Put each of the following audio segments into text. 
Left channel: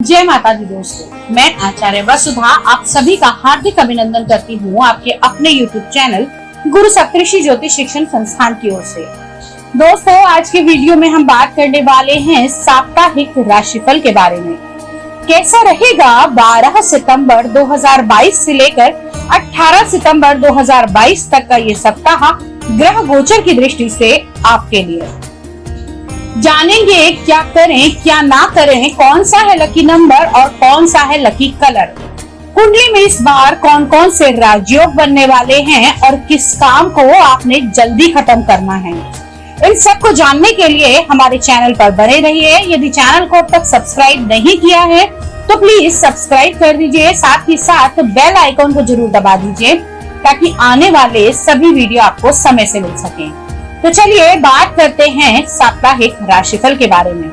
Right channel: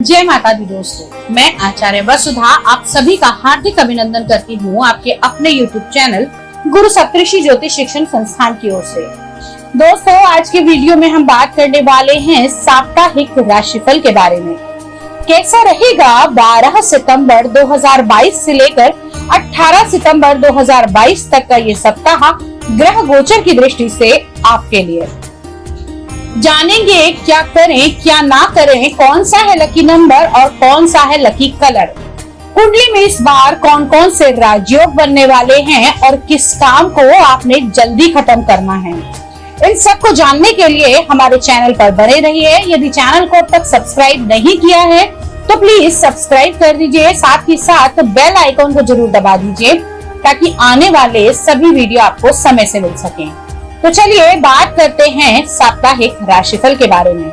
जय माता दी दोस्तों, मैं आचार्य वसुधा आप सभी का हार्दिक अभिनंदन करती हूँ आपके अपने YouTube चैनल गुरु सप्तऋषि ज्योतिष शिक्षण संस्थान की ओर से। दोस्तों, आज के वीडियो में हम बात करने वाले हैं साप्ताहिक राशिफल के बारे में। कैसा रहेगा 12 सितंबर 2022 से लेकर 18 सितंबर 2022 तक का ये सप्ताह ग्रह गोचर की दृष्टि से आपके लिए। जानेंगे क्या करें क्या ना करें, कौन सा है लकी नंबर और कौन सा है लकी कलर। कुंडली में इस बार कौन कौन से राजयोग बनने वाले हैं और किस काम को आपने जल्दी खत्म करना है, इन सब को जानने के लिए हमारे चैनल पर बने रहिए। यदि चैनल को अब तक सब्सक्राइब नहीं किया है तो प्लीज सब्सक्राइब कर दीजिए, साथ ही साथ बेल आइकॉन को जरूर दबा दीजिए ताकि आने वाले सभी वीडियो आपको समय से मिल सके। तो चलिए बात करते हैं साप्ताहिक राशिफल के बारे में।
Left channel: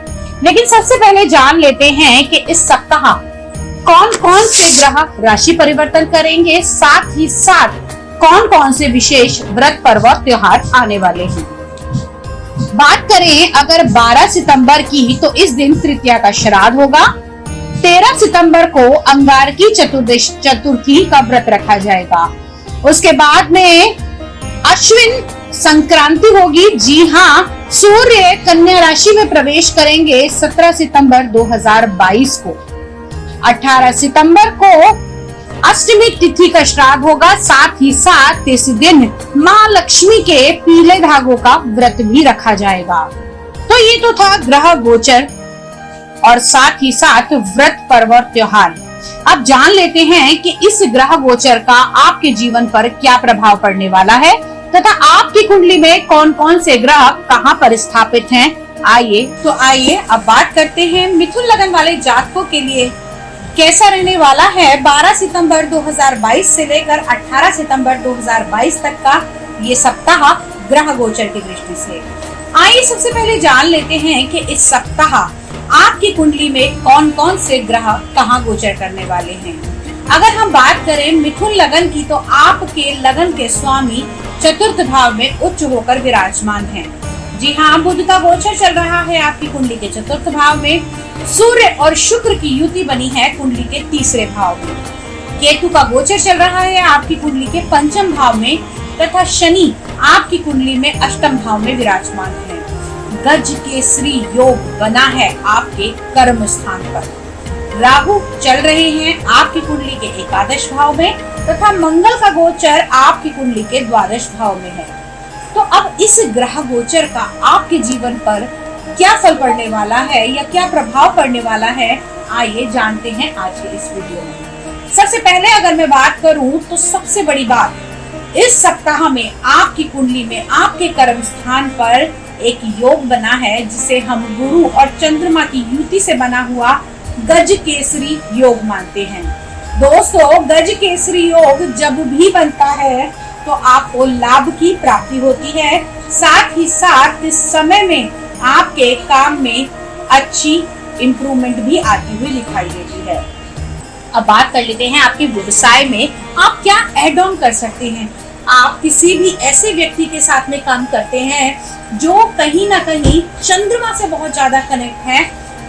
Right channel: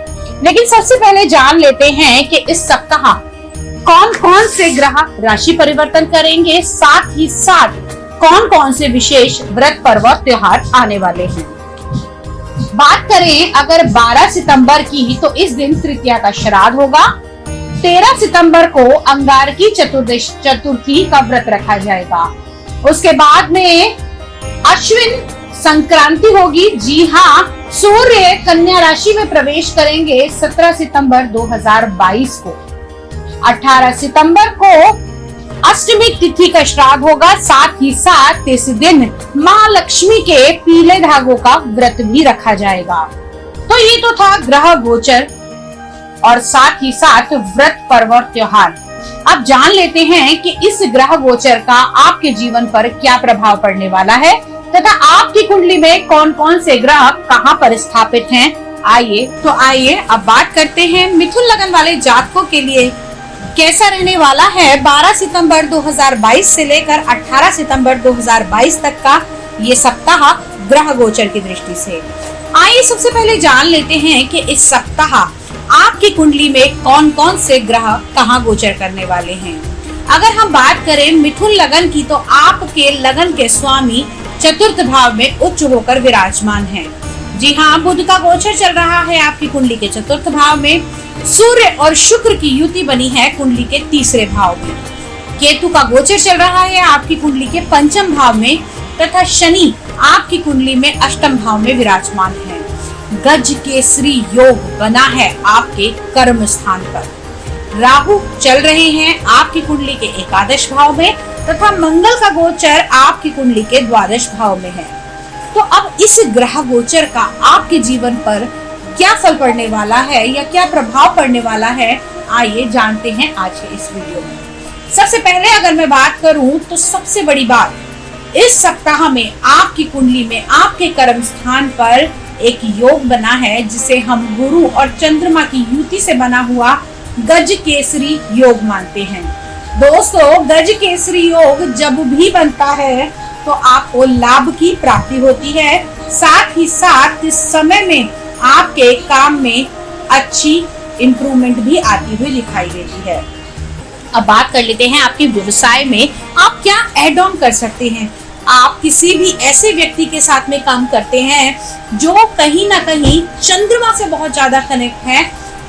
लेकिन सबसे पहले जान लेते हैं कि इस सप्ताह कौन कौन से ग्रह राशि परिवर्तन करेंगे, साथ ही साथ कौन कौन से विशेष व्रत पर्व त्योहार आने वाले हैं। बात करें अगर 12 सितंबर की, तो इस दिन तृतीया का श्राद्ध होगा। 13 सितंबर को अंगारकी चतुर्थी का व्रत रखा जाएगा। उसके बाद में अश्विन संक्रांति होगी। जी हाँ, सूर्य कन्या राशि में प्रवेश करेंगे 17 सितंबर 2022 को। 18 सितंबर को अष्टमी तिथि का श्राद्ध होगा। साथ ही साथ इस दिन माँ लक्ष्मी के पीले धागों का व्रत भी रखा जाएगा। तो ये तो था ग्रह गोचर और साथ ही साथ व्रत पर्व और त्योहार। अब जान लेते हैं कि इस ग्रह गोचर का आपके जीवन पर क्या प्रभाव पड़ने वाला है तथा आपकी कुंडली में कौन कौन से ग्रह कहां पर स्थापित हैं। आइए अब बात करते हैं मिथुन लगन वाले जातकों के लिए कैसा रहने वाला है 12 सितंबर 2022 से लेकर 18 सितंबर 2022 तक का ये सप्ताह ग्रह गोचर की दृष्टि से। आइए सबसे पहले जान लेते हैं कि इस सप्ताह आपकी कुंडली में कौन कौन से ग्रह कहां गोचर करने वाले हैं। अगर हम बात करें मिथुन लगन की, तो आपके लगन के स्वामी चतुर्थ भाव में उच्च होकर विराजमान है। जी हाँ, बुध का गोचर चल रहा है आपकी कुंडली के चतुर्थ भाव में। सूर्य और शुक्र की युति बनी है कुंडली के तीसरे भाव में। केतु का गोचर चल रहा है आपकी कुंडली के पंचम भाव में तथा शनि आपकी कुंडली में अष्टम भाव में विराजमान है। गज केसरी योग बना है आपके कर्म स्थान पर। राहु चल रहे हैं आपकी कुंडली के एकादश भाव में तथा मंगल का गोचर आपकी कुंडली के द्वादश भाव में है। तो अब इस ग्रह गोचर का आपके जीवन पर क्या फल पड़ने वाला है या क्या प्रभाव पड़ने वाला है, आइए जानते हैं आज के इस वीडियो में। सबसे पहले अगर मैं बात करूं तो सबसे बड़ी बात, इस सप्ताह में आपकी कुंडली में आपके कर्म स्थान पर एक योग बना है जिसे हम गुरु और चंद्रमा की युति से बना हुआ गज केसरी योग मानते हैं। दोस्तों, गज केसरी योग जब भी बनता है तो आपको लाभ की प्राप्ति होती है। साथ ही साथ इस समय में आपके काम में अच्छी इंप्रूवमेंट भी आती हुई दिखाई देती है। अब बात कर लेते हैं आपके व्यवसाय में आप क्या ऐड ऑन कर सकते हैं। आप किसी भी ऐसे व्यक्ति के साथ में काम करते हैं जो कहीं ना कहीं चंद्रमा से बहुत ज्यादा कनेक्ट है,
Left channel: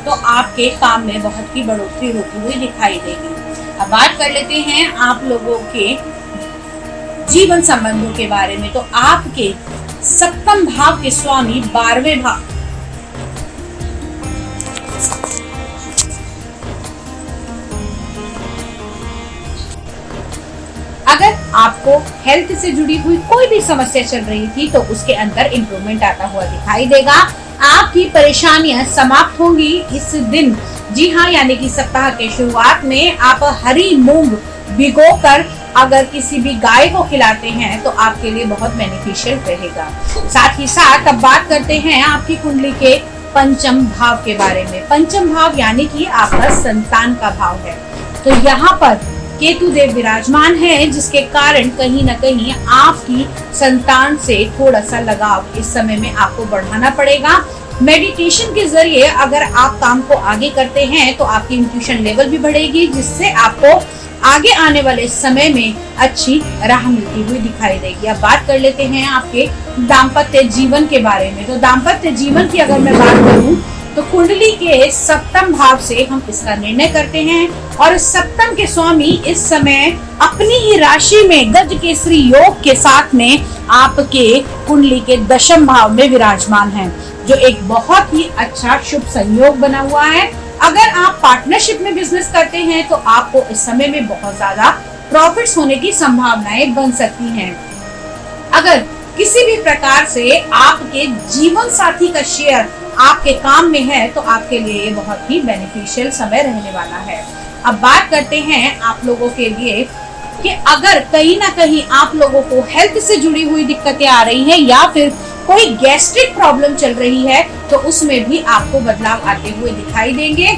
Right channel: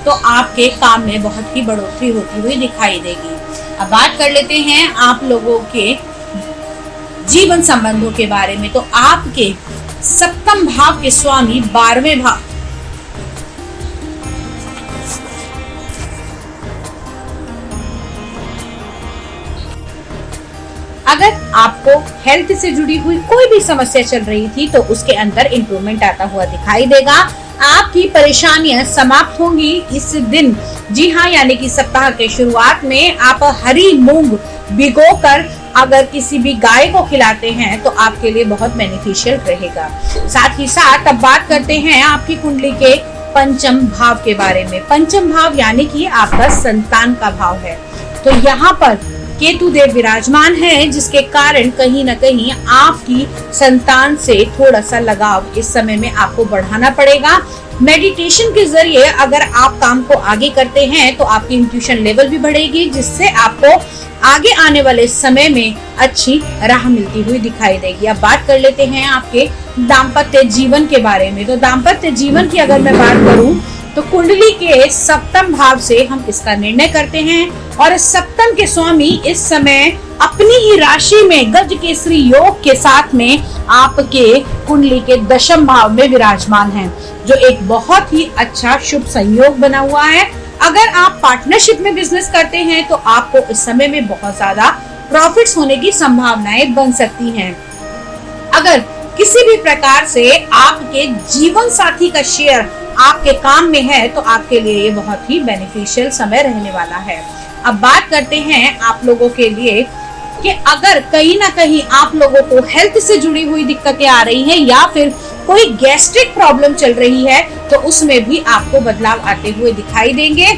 तो आपके काम में बहुत ही बढ़ोतरी होती हुई दिखाई देगी। अब बात कर लेते हैं आप लोगों के जीवन संबंधों के बारे में। तो आपके सप्तम भाव के स्वामी 12वें भाव, अगर आपको हेल्थ से जुड़ी हुई कोई भी समस्या चल रही थी तो उसके अंदर इंप्रूवमेंट आता हुआ दिखाई देगा। आपकी परेशानियां समाप्त होंगी इस दिन। जी हाँ, यानी कि सप्ताह के शुरुआत में आप हरी मूंग भिगोकर अगर किसी भी गाय को खिलाते हैं तो आपके लिए बहुत बेनिफिशियल रहेगा। साथ ही साथ अब बात करते हैं आपकी कुंडली के पंचम भाव के बारे में। पंचम भाव यानी कि आपका संतान का भाव है। तो यहाँ पर केतु देव विराजमान है जिसके कारण कहीं ना कहीं आपकी संतान से थोड़ा सा लगाव इस समय में आपको बढ़ाना पड़ेगा। मेडिटेशन के जरिए अगर आप काम को आगे करते हैं तो आपकी इंट्यूशन लेवल भी बढ़ेगी, जिससे आपको आगे आने वाले समय में अच्छी राह मिलती हुई दिखाई देगी। अब बात कर लेते हैं आपके दाम्पत्य जीवन के बारे में। तो दाम्पत्य जीवन की अगर मैं बात करूं तो कुंडली के सप्तम भाव से हम इसका निर्णय करते हैं और सप्तम के स्वामी इस समय अपनी ही राशि में गज केसरी योग के साथ में आपके कुंडली के दशम भाव में विराजमान हैं, जो एक बहुत ही अच्छा शुभ संयोग बना हुआ है। अगर आप पार्टनरशिप में बिजनेस करते हैं तो आपको इस समय में बहुत ज्यादा प्रॉफिट्स होने की संभावनाएं बन सकती हैं। अगर किसी भी प्रकार से आपके जीवन साथी का शेयर आपके काम में है तो आपके लिए ये बहुत ही बेनिफिशियल समय रहने वाला है। अब बात करते हैं आप लोगों के लिए कि अगर कहीं ना कहीं आप लोगों को हेल्थ से जुड़ी हुई दिक्कतें आ रही है या फिर कोई गैस्ट्रिक प्रॉब्लम चल रही है तो उसमें भी आपको बदलाव आते हुए दिखाई देंगे।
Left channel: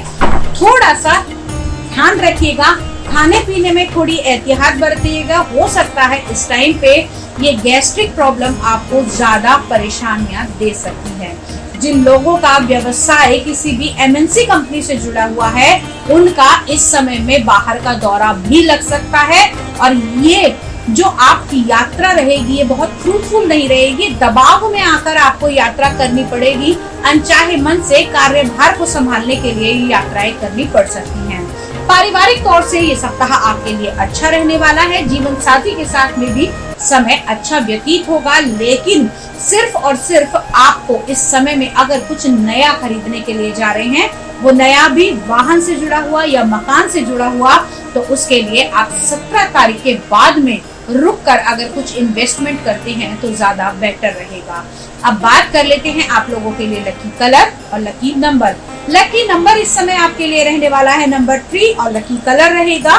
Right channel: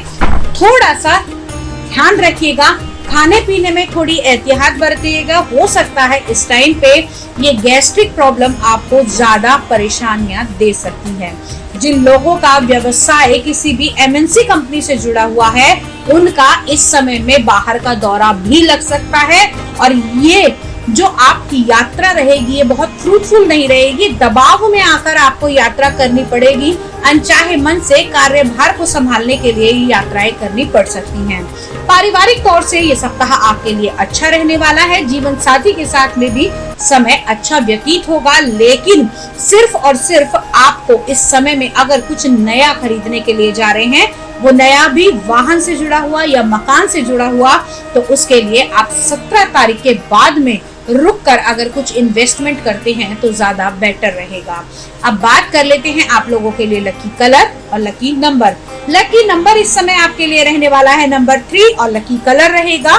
थोड़ा सा ध्यान रखिएगा, खाने पीने में थोड़ी एहतियात बरतिएगा। हो सकता है इस टाइम पे ये गैस्ट्रिक प्रॉब्लम आपको ज्यादा परेशानियां दे सकती है। जिन लोगों का व्यवसाय किसी भी एमएनसी कंपनी से जुड़ा हुआ है उनका इस समय में बाहर का दौरा भी लग सकता है और ये जो आपकी यात्रा रहेगी ये बहुत फ्रूटफुल नहीं रहेगी। दबाव में आकर आपको यात्रा करनी पड़ेगी। अनचाहे मन से कार्यभार को संभालने के लिए ये यात्राएं करनी पड़ सकती हैं। पारिवारिक तौर से ये सप्ताह आपके लिए अच्छा रहने वाला है। जीवन साथी के साथ में भी समय अच्छा व्यतीत होगा, लेकिन सिर्फ और सिर्फ आपको इस समय में अगर कुछ नया खरीदने के लिए जा रहे हैं, वो नया भी वाहन से जुड़ा हुआ या मकान से जुड़ा हुआ, तो उसके लिए आप 17 तारीख के बाद में रुक कर अगर कुछ इन्वेस्टमेंट करते हैं तो ज्यादा बेटर रहेगा। अब बात कर लेते हैं आप लोगों के लिए लकी कलर और लकी नंबर। लकी नंबर इस समय आपके लिए रहने वाला है नंबर 3 और लकी कलर रहेगा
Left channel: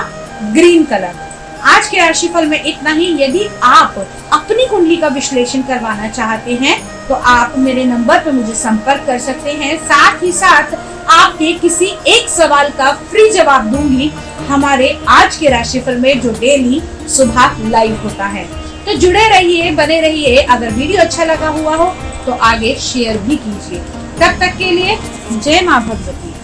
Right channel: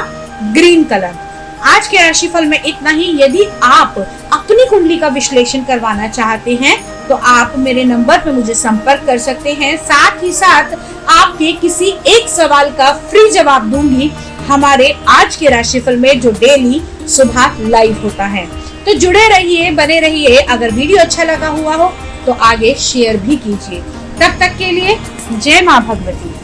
ग्रीन कलर। आज के राशिफल में इतना ही। यदि आप अपनी कुंडली का विश्लेषण करवाना चाहते हैं तो आप मेरे नंबर पर मुझे संपर्क कर सकते हैं। साथ ही साथ आपके किसी एक सवाल का फ्री जवाब दूंगी हमारे आज के राशिफल में, जो डेली सुबह लाइव होता है। तो जुड़े रहिए, बने रहिए। अगर वीडियो अच्छा लगा हुआ हो तो आगे शेयर भी कीजिए। तब तक के लिए जय मां भगवती।